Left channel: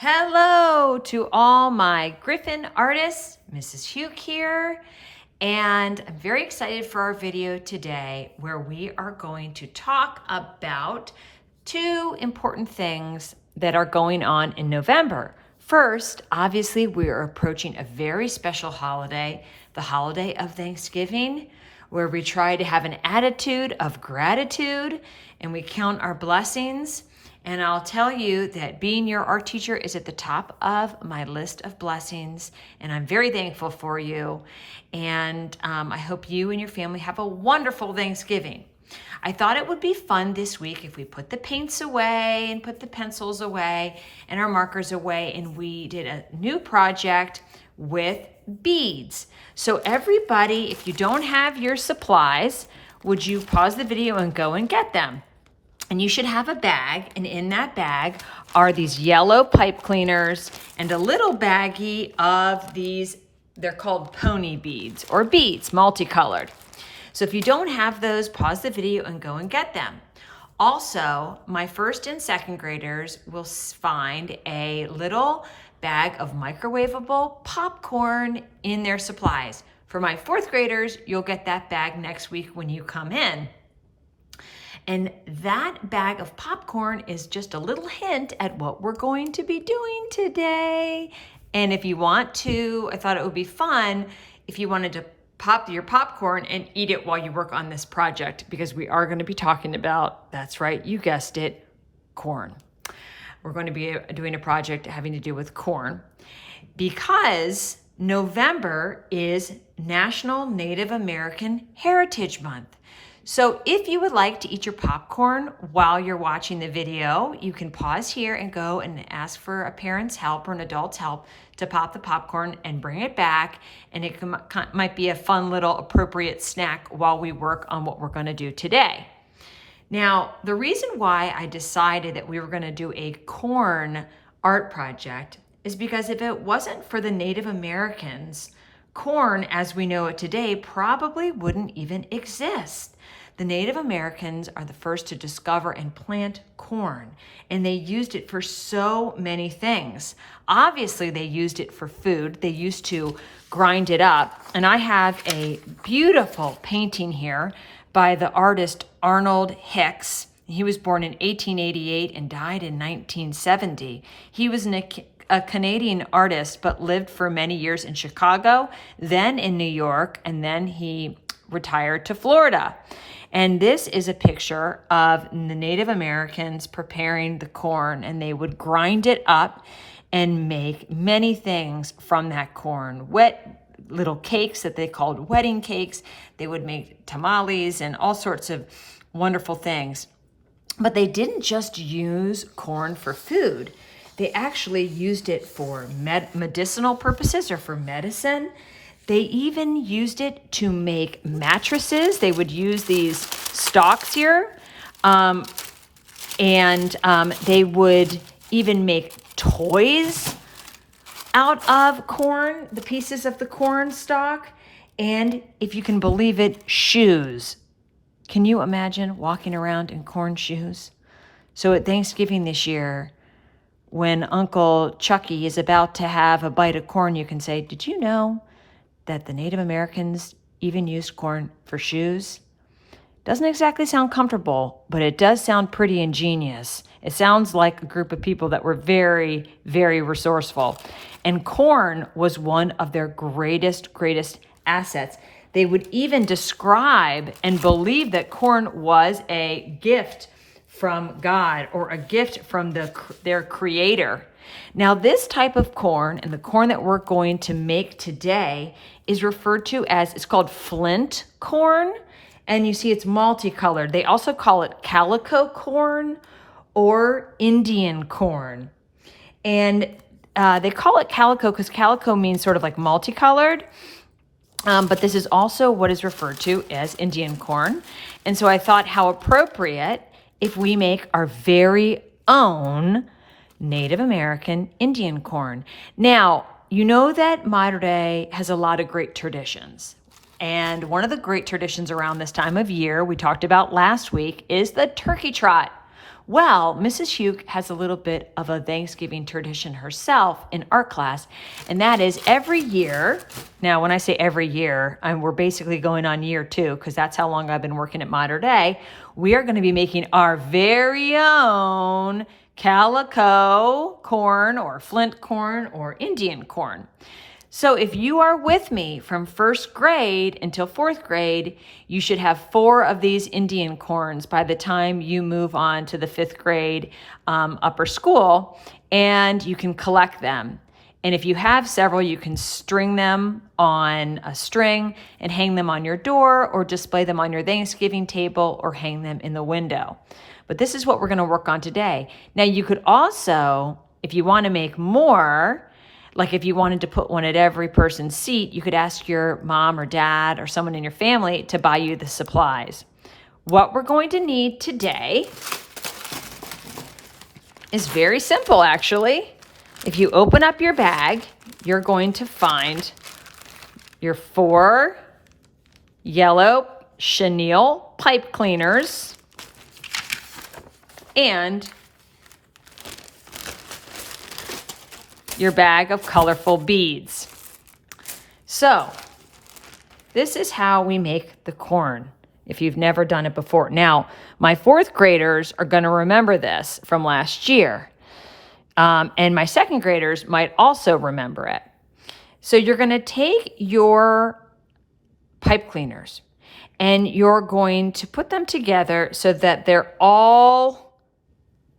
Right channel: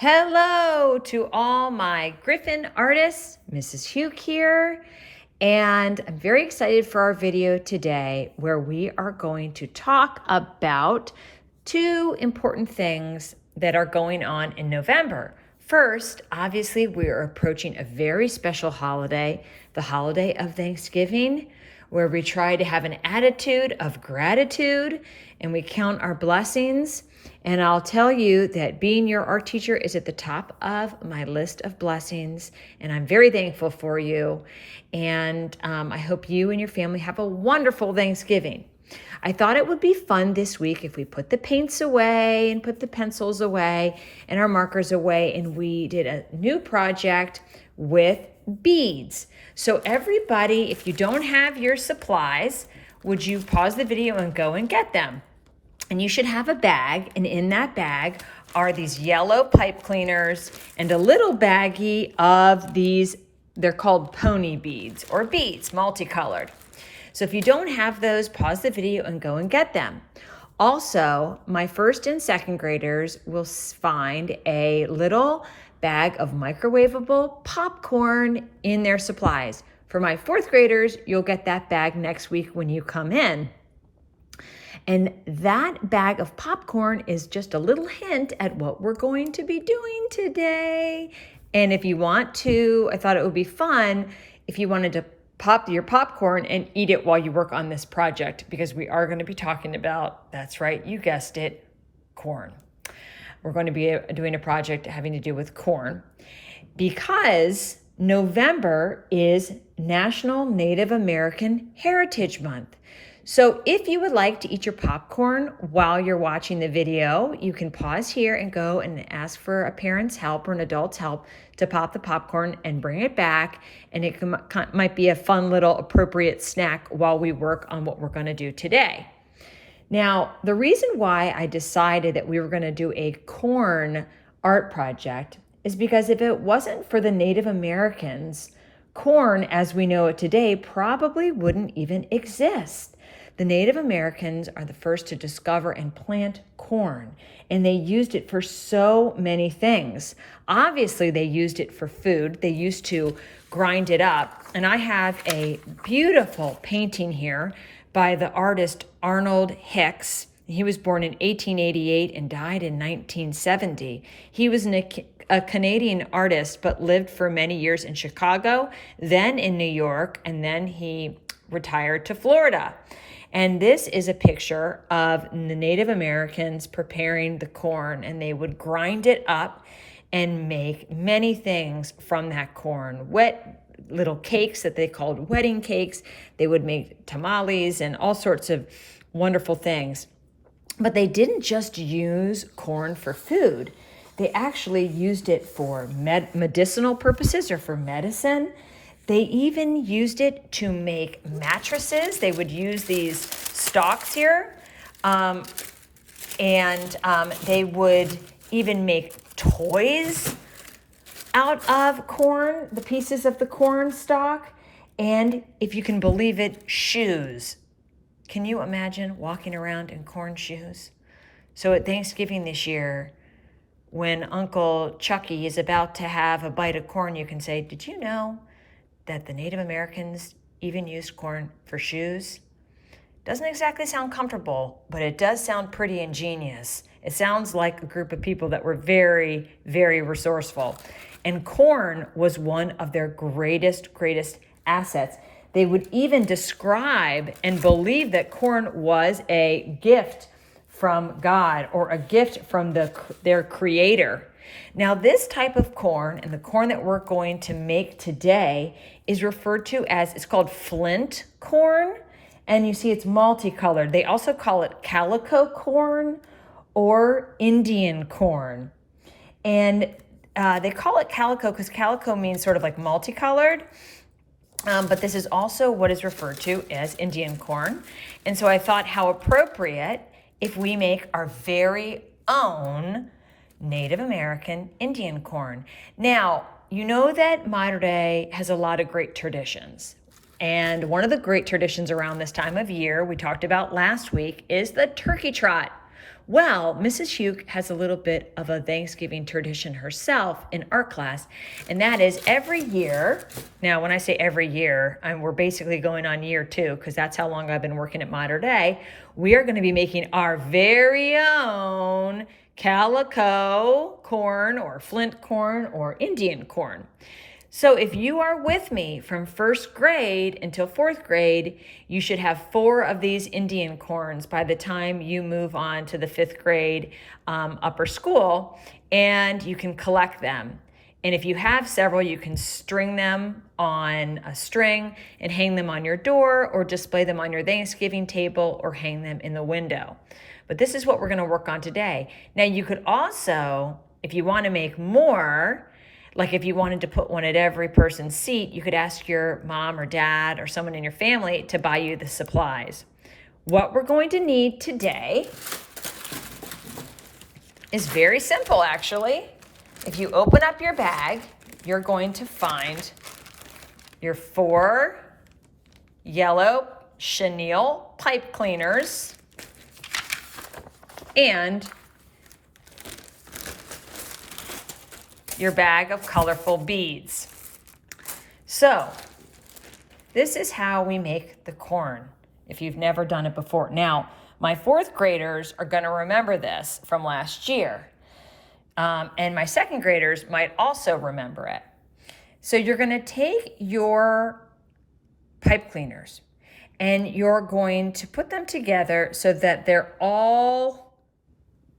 Hello to all my Griffin artists, Mrs. Hugh here, and I'm very excited for our video today where we are going to talk about two important things that are going on in November. First, obviously, we are approaching a very special holiday, the holiday of Thanksgiving, where we try to have an attitude of gratitude and we count our blessings. And I'll tell you that being your art teacher is at the top of my list of blessings, and I'm very thankful for you. And I hope you and your family have a wonderful Thanksgiving. I thought it would be fun this week if we put the paints away and put the pencils away and our markers away, and we did a new project with beads. So everybody, if you don't have your supplies, would you pause the video and go and get them? And you should have a bag, and in that bag are these yellow pipe cleaners and a little baggie of these, they're called pony beads or beads, multicolored. So if you don't have those, pause the video and go and get them. Also, my first and second graders will find a little bag of microwavable popcorn in their supplies. For my fourth graders, you'll get that bag next week when you come in. And that bag of popcorn is just a little hint at what we're going to be doing today. And if you want to, I thought it would be fun if you wanted to pop your popcorn and eat it while you work on this project, because we are going to be talking about, that's right, you guessed it, corn. We're going to be doing a project having to do with corn because November is National Native American Heritage Month. So if you would like to eat your popcorn while you're watching the video, you can pause here and go and ask for a parent's help or an adult's help to pop the popcorn and bring it back. And it might be a fun little appropriate snack while we work on what we're going to do today. Now, the reason why I decided that we were going to do a corn art project is because if it wasn't for the Native Americans, corn as we know it today probably wouldn't even exist. The Native Americans are the first to discover and plant corn, and they used it for so many things. Obviously, they used it for food. They used to grind it up. And I have a beautiful painting here by the artist Arnold Hicks. He was born in 1888 and died in 1970. He was a Canadian artist, but lived for many years in Chicago, then in New York, and then he retired to Florida. And this is a picture of the Native Americans preparing the corn, and they would grind it up and make many things from that corn. Wet little cakes that they called wedding cakes. They would make tamales and all sorts of wonderful things. But they didn't just use corn for food. They actually used it for medicinal purposes or for medicine. They even used it to make mattresses. They would use these stalks here, and they would even make toys out of corn, the pieces of the corn stalk, and if you can believe it, shoes. Can you imagine walking around in corn shoes? So at Thanksgiving this year, when Uncle Chucky is about to have a bite of corn, you can say, did you know that the Native Americans even used corn for shoes? Doesn't exactly sound comfortable, but it does sound pretty ingenious. It sounds like a group of people that were very, very resourceful. And corn was one of their greatest assets. They would even describe and believe that corn was a gift from God or a gift from their creator. Now, this type of corn and the corn that we're going to make today is referred to as, it's called flint corn. And you see it's multicolored. They also call it calico corn or Indian corn. And they call it calico because calico means sort of like multicolored. But this is also what is referred to as Indian corn. And so I thought how appropriate if we make our very own Native American Indian corn. Now, you know that Mater Dei has a lot of great traditions. And one of the great traditions around this time of year we talked about last week is the turkey trot. Well, Mrs. Hugh has a little bit of a Thanksgiving tradition herself in art class, and that is every year. Now, when I say every year, we're basically going on year 2 because that's how long I've been working at Mater Dei. We are going to be making our very own calico corn or flint corn or Indian corn. So if you are with me from 1st grade until 4th grade, you should have 4 of these Indian corns by the time you move on to the 5th grade upper school, and you can collect them. And if you have several, you can string them on a string and hang them on your door or display them on your Thanksgiving table or hang them in the window. But this is what we're going to work on today. Now, you could also, if you want to make more, like if you wanted to put one at every person's seat, you could ask your mom or dad or someone in your family to buy you the supplies. What we're going to need today is very simple, actually. If you open up your bag, you're going to find your 4 yellow chenille pipe cleaners and your bag of colorful beads. So this is how we make the corn if you've never done it before. Now, my 4th graders are going to remember this from last year. And my 2nd graders might also remember it. So you're going to take your pipe cleaners and you're going to put them together so that they're all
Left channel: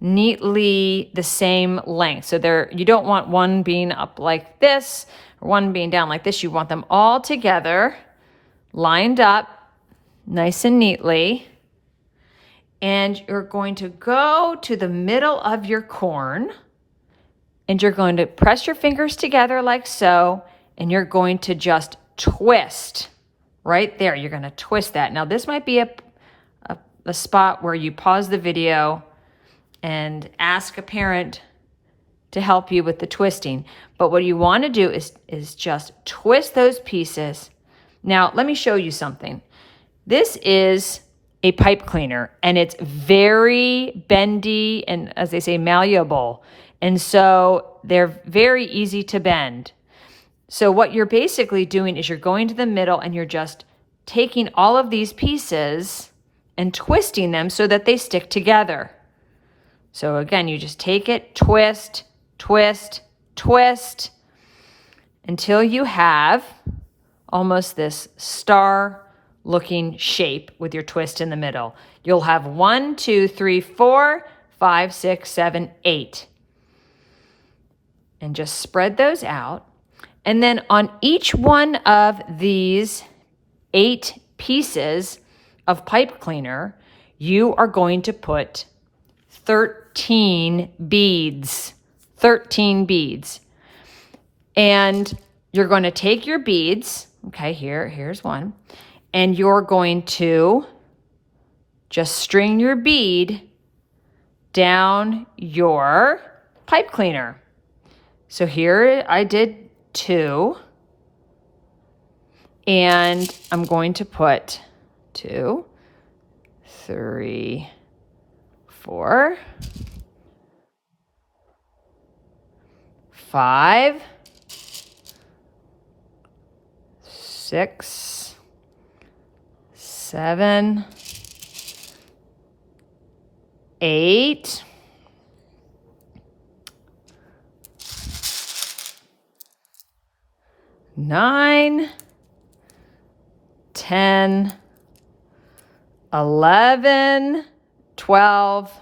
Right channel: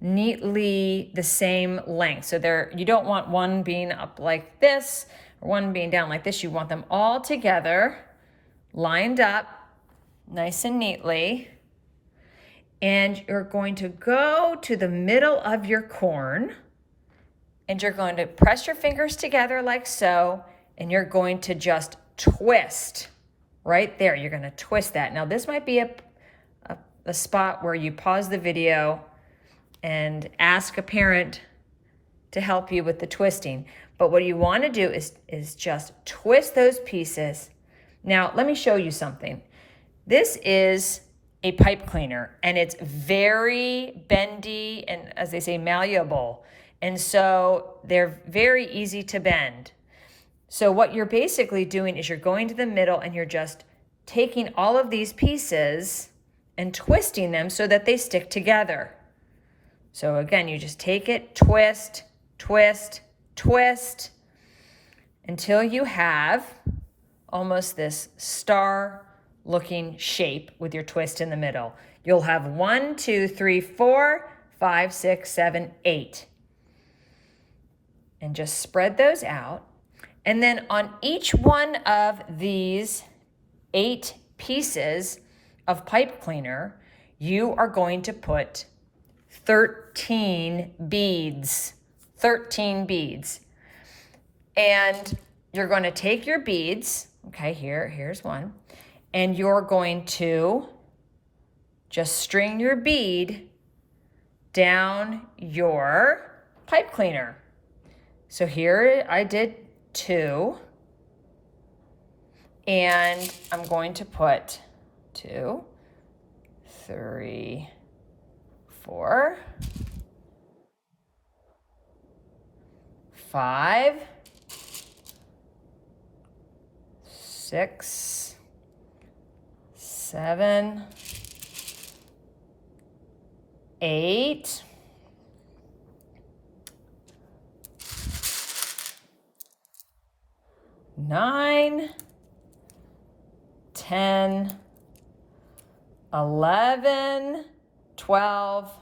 neatly the same length. So you don't want one being up like this or one being down like this. You want them all together, lined up nice and neatly. And you're going to go to the middle of your corn and you're going to press your fingers together like so, and you're going to just twist right there. You're going to twist that. Now this might be a spot where you pause the video and ask a parent to help you with the twisting. But what you want to do is just twist those pieces. Now, let me show you something. This is a pipe cleaner, and it's very bendy and, as they say, malleable. And so they're very easy to bend. So what you're basically doing is you're going to the middle and you're just taking all of these pieces and twisting them so that they stick together. So again, you just take it, twist, twist, twist, until you have almost this star-looking shape with your twist in the middle. You'll have 1, 2, 3, 4, 5, 6, 7, 8. And just spread those out. And then on each one of these 8 pieces of pipe cleaner, you are going to put 13 beads. 13 beads. And you're going to take your beads, okay, here's one, and you're going to just string your bead down your pipe cleaner. So here I did 2, and I'm going to put 2, 3, 4, 5, 6, 7, 8, 9, 10, 11, 12,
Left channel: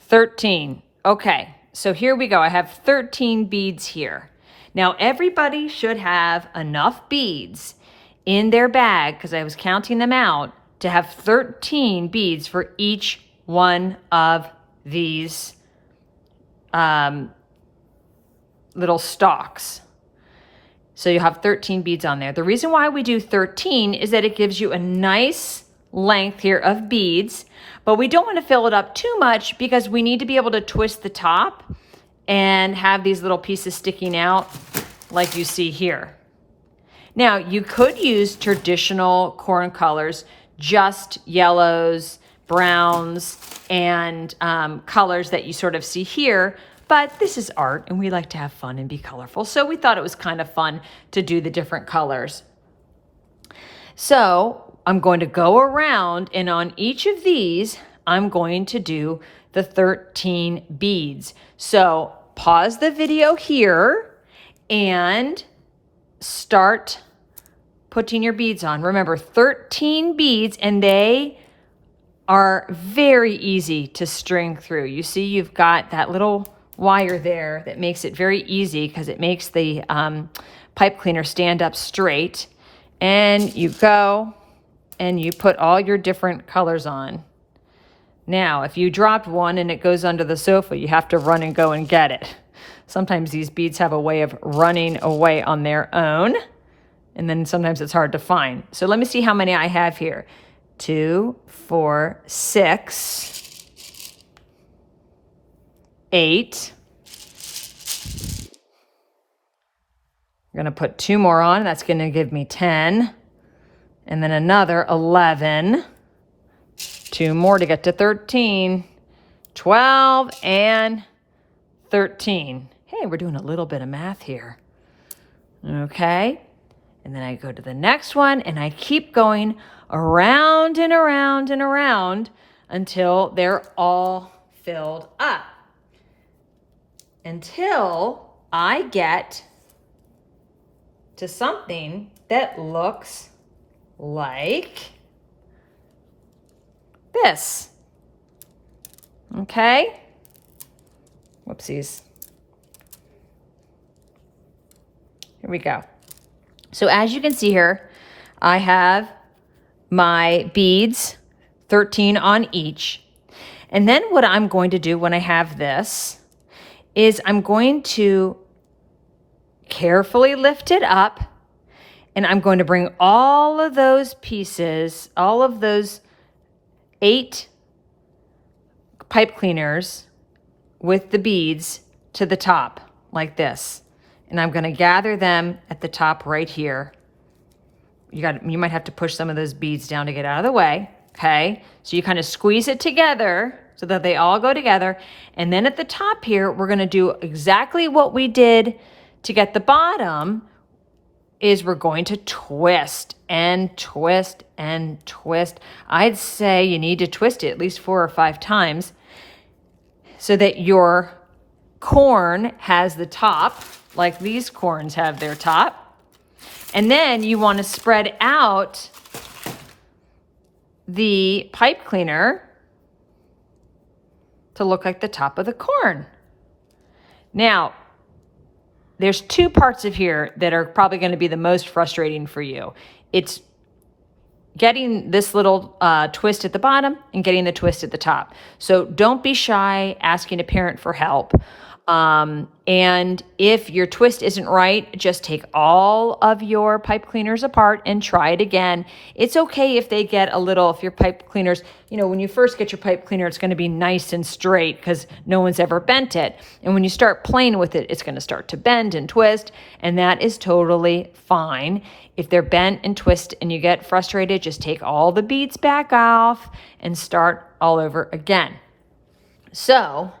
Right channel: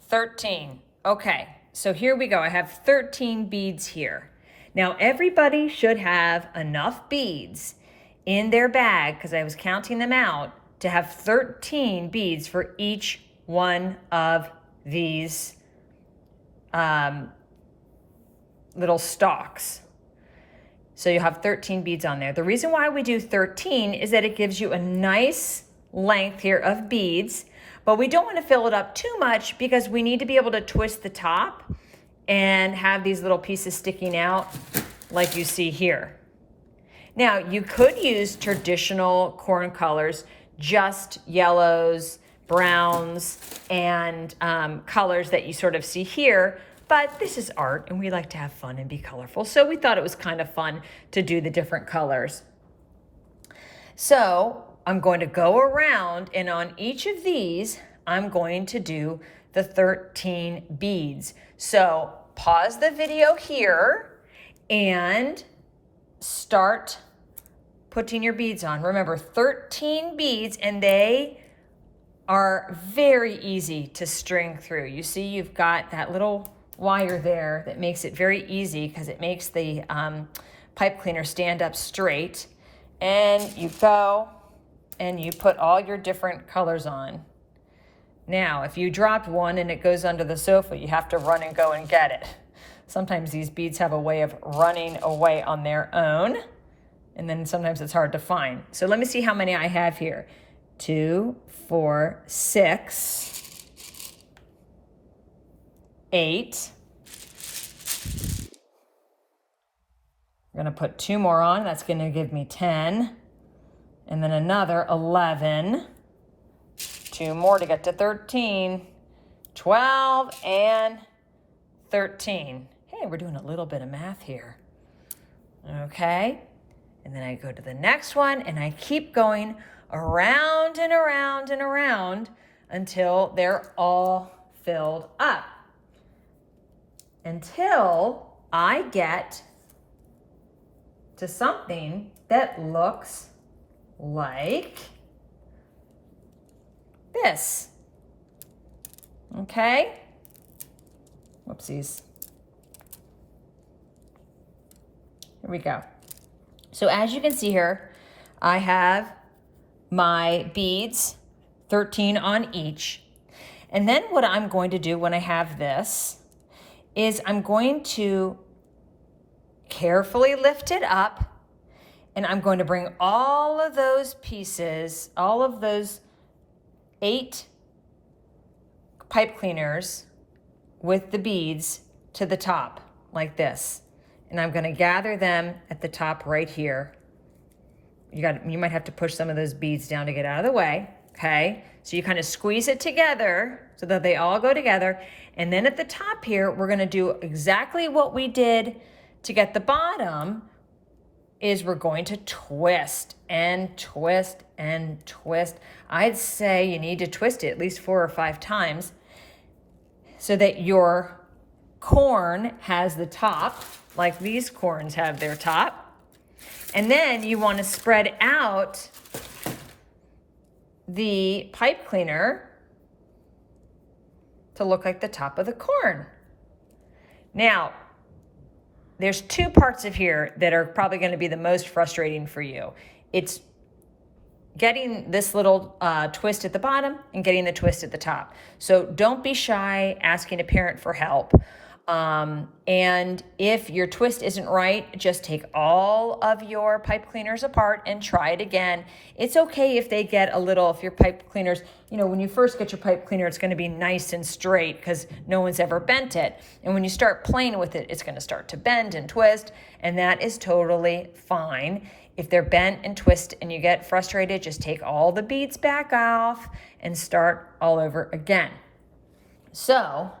13. Okay, so here we go. I have 13 beads here. Now everybody should have enough beads in their bag, because I was counting them out, to have 13 beads for each one of these little stalks. So you have 13 beads on there. The reason why we do 13 is that it gives you a nice length here of beads, but we don't want to fill it up too much because we need to be able to twist the top and have these little pieces sticking out like you see here. Now, you could use traditional corn colors, just yellows, browns and colors that you sort of see here. But this is art and we like to have fun and be colorful. So we thought it was kind of fun to do the different colors. So I'm going to go around and on each of these, I'm going to do the 13 beads. So pause the video here and start putting your beads on. Remember, 13 beads, and they are very easy to string through. You see, you've got that little wire there that makes it very easy because it makes the pipe cleaner stand up straight. And you go and you put all your different colors on. Now, if you dropped one and it goes under the sofa, you have to run and go and get it. Sometimes these beads have a way of running away on their own, and then sometimes it's hard to find. So let me see how many I have here. 2, 4, 6, 8. I'm gonna put 2 more on. That's gonna give me 10. And then another 11. 2 more to get to 13. 12 and 13. Hey, we're doing a little bit of math here. Okay. And then I go to the next one and I keep going around and around and around until they're all filled up. Until I get to something that looks like this. Okay? Whoopsies. Here we go. So as you can see here, I have my beads, 13 on each. And then what I'm going to do when I have this is I'm going to carefully lift it up, and I'm going to bring all of those pieces, all of those 8 pipe cleaners with the beads to the top like this. And I'm going to gather them at the top right here. You might have to push some of those beads down to get out of the way. Okay. So you kind of squeeze it together so that they all go together. And then at the top here, we're going to do exactly what we did to get the bottom. Is we're going to twist and twist and twist. I'd say you need to twist it at least 4 or 5 times so that your corn has the top, like these corns have their top. And then you want to spread out the pipe cleaner to look like the top of the corn. Now, there's 2 parts of here that are probably going to be the most frustrating for you. It's getting this little twist at the bottom and getting the twist at the top. So don't be shy asking a parent for help. And if your twist isn't right, just take all of your pipe cleaners apart and try it again. It's okay if they get a little, if your pipe cleaners, when you first get your pipe cleaner, it's going to be nice and straight because no one's ever bent it. And when you start playing with it, it's going to start to bend and twist, and that is totally fine. If they're bent and twist and you get frustrated, just take all the beads back off and start all over again. So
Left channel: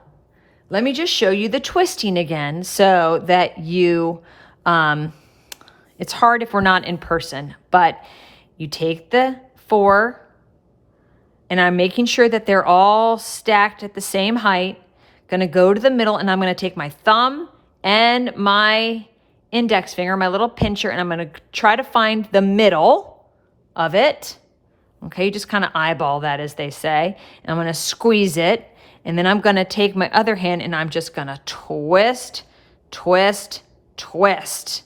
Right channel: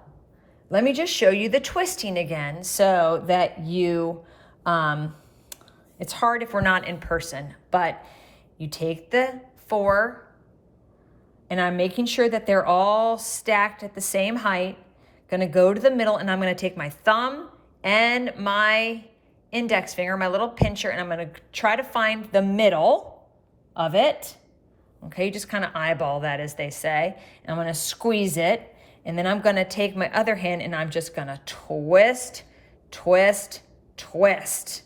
let me just show you the twisting again so that you, it's hard if we're not in person, but you take the 4, and I'm making sure that they're all stacked at the same height. Gonna go to the middle, and I'm gonna take my thumb and my index finger, my little pincher, and I'm gonna try to find the middle of it. Okay, you just kind of eyeball that, as they say. And I'm gonna squeeze it. And then I'm gonna take my other hand and I'm just gonna twist, twist, twist.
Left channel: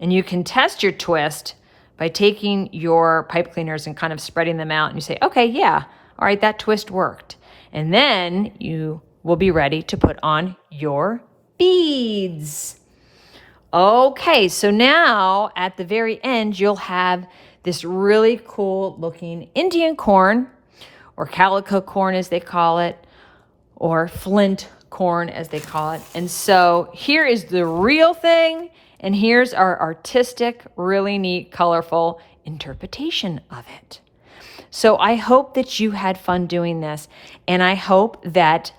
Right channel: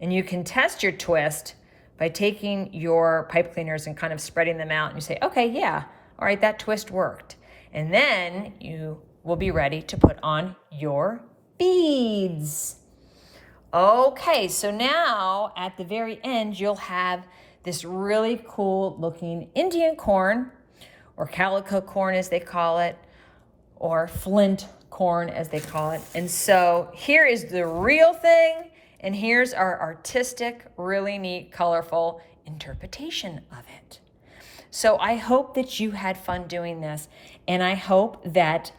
And you can test your twist by taking your pipe cleaners and kind of spreading them out, and you say, okay, yeah, all right, that twist worked. And then you will be ready to put on your beads. Okay, so now at the very end, you'll have this really cool looking Indian corn, or calico corn as they call it, or flint corn as they call it. And so here is the real thing, and here's our artistic, really neat, colorful interpretation of it. So I hope that you had fun doing this, and I hope that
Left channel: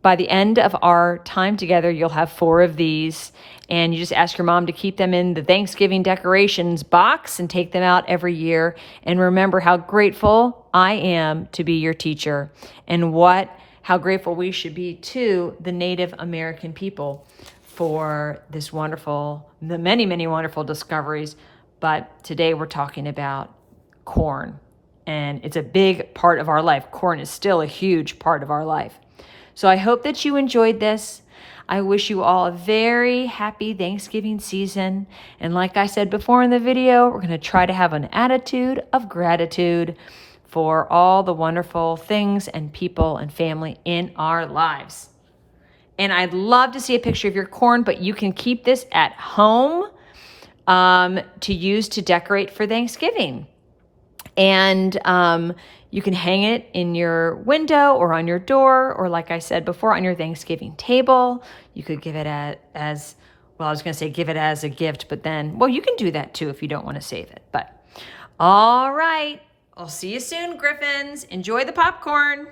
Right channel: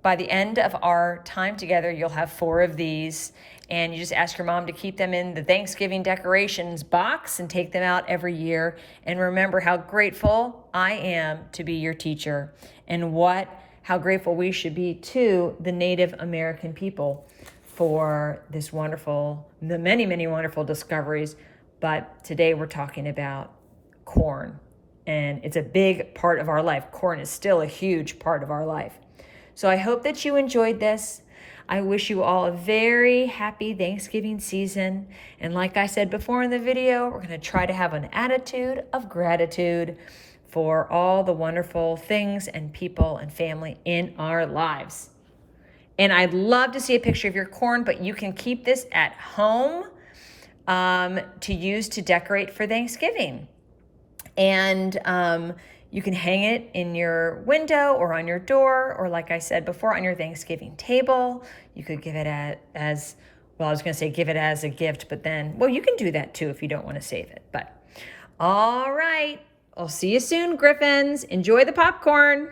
by the end of our time together, you'll have 4 of these, and you just ask your mom to keep them in the Thanksgiving decorations box and take them out every year. And remember how grateful I am to be your teacher, and how grateful we should be to the Native American people for the many, many wonderful discoveries. But today we're talking about corn, and it's a big part of our life. Corn is still a huge part of our life. So I hope that you enjoyed this. I wish you all a very happy Thanksgiving season. And like I said before in the video, we're going to try to have an attitude of gratitude for all the wonderful things and people and family in our lives. And I'd love to see a picture of your corn, but you can keep this at home to use to decorate for Thanksgiving. And you can hang it in your window or on your door, or like I said before, on your Thanksgiving table. You could give it as a gift, but then, well, you can do that too if you don't want to save it. But all right, I'll see you soon, Griffins. Enjoy the popcorn.